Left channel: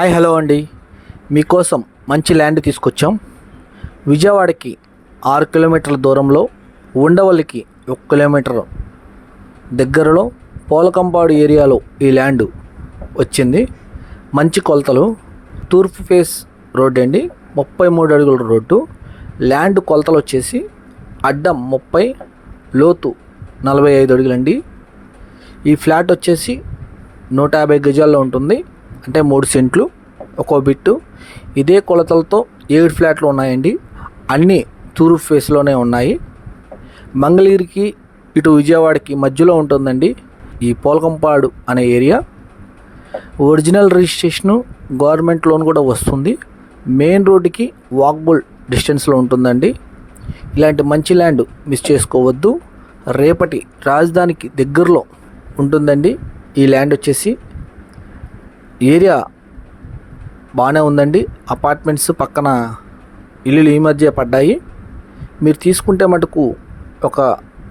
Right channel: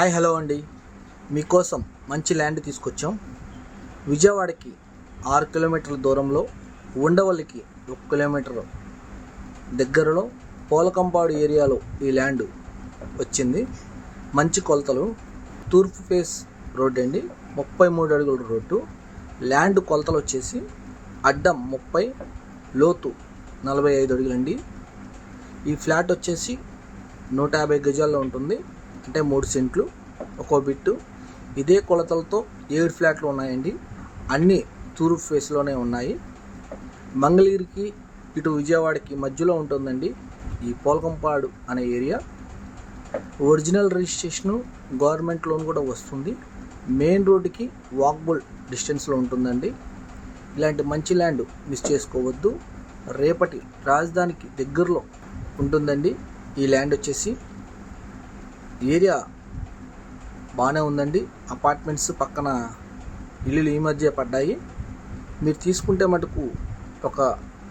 Hi hello అండి, మీకోసం మంచి ల్యాండ్ తీసుకొచ్చాం. విజయవాడకి 6 కిలోమీటర్ల దూరంలో, ఉండవల్లికి 1 కిలోమీటర్ దగ్గరలో పోలకంపాడు ఏరియాలో ఈ ల్యాండ్ వచ్చింది. మంచి కొలతలు, తూర్పు ఫేస్ రోడ్ అండి, 33 అడుగుల రోడ్డు. ల్యాండ్ కొలతలు వచ్చేసి అడ్డం 30, లోతు 45 అడుగులండి. ఈ ఫ్లాట్ వచ్చేసి 150 గజాల్లో ఉంటుంది, అంటే 3 సెంట్లు ఒక్కో బిట్టు. ఇదే కొలతలతో 7 ఫ్లాట్లు ఉన్నాయండి, అన్నీ తూర్పు ఫేస్లోనే ఉన్నాయి. మంగళగిరికి ఇటు విజయవాడకి మధ్యలో ఉంటుందండి ఈ పోలకంపాడు అనే area. Original registration, government loan కూడా వస్తుంది. మెయిన్ రోడ్డుకి వాకబుల్ డిస్టెన్స్లో ఉంటుందండి. ఇలాంటి మంచి ల్యాండ్ మిస్ చేసుకోవద్దు. రేపటి రాజధానికి దగ్గరలో ఉంటుందండి ఈ ల్యాండ్ వచ్చేసి. ఏరియా బాగానే ఉందండి, అపార్ట్మెంట్స్ పక్కన ఇల్లులు ఈ మధ్య పడ్డాయి. మీరు తీసుకుంటే మటుకు ఒక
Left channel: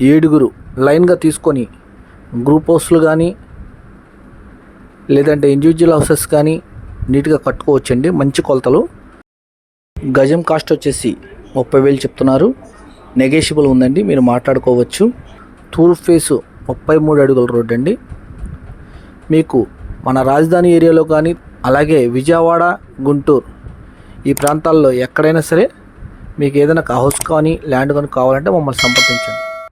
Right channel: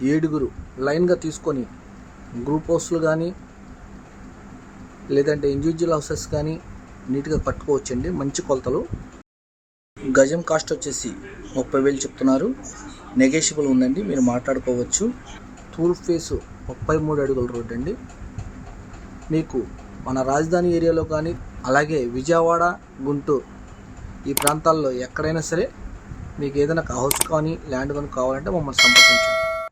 7 లైన్గా తీసుకొని గ్రూప్ హౌస్లు కానీ లేదంటే ఇండివిజువల్ హౌసెస్ కానీ నీట్గా కట్టుకోవచ్చండి. మంచి కొలతలు. గజం కాస్ట్ వచ్చేసి 30,000 చెప్తున్నారు, నెగోషియబుల్ ఉందండి, మీరు మాట్లాడుకోవచ్చు. తూర్పు ఫేసు 33 అడుగుల రోడ్ అండి. మీకు మన రాజధాని ఏరియాలో కానీ అలాగే విజయవాడ, గుంటూరు ఈ ప్రాంతాల్లో ఎక్కడైనా సరే మీకు ఏదైనా హౌస్ కానీ ల్యాండ్ కానీ కావాలంటే మమ్మల్ని సంప్రదించండి.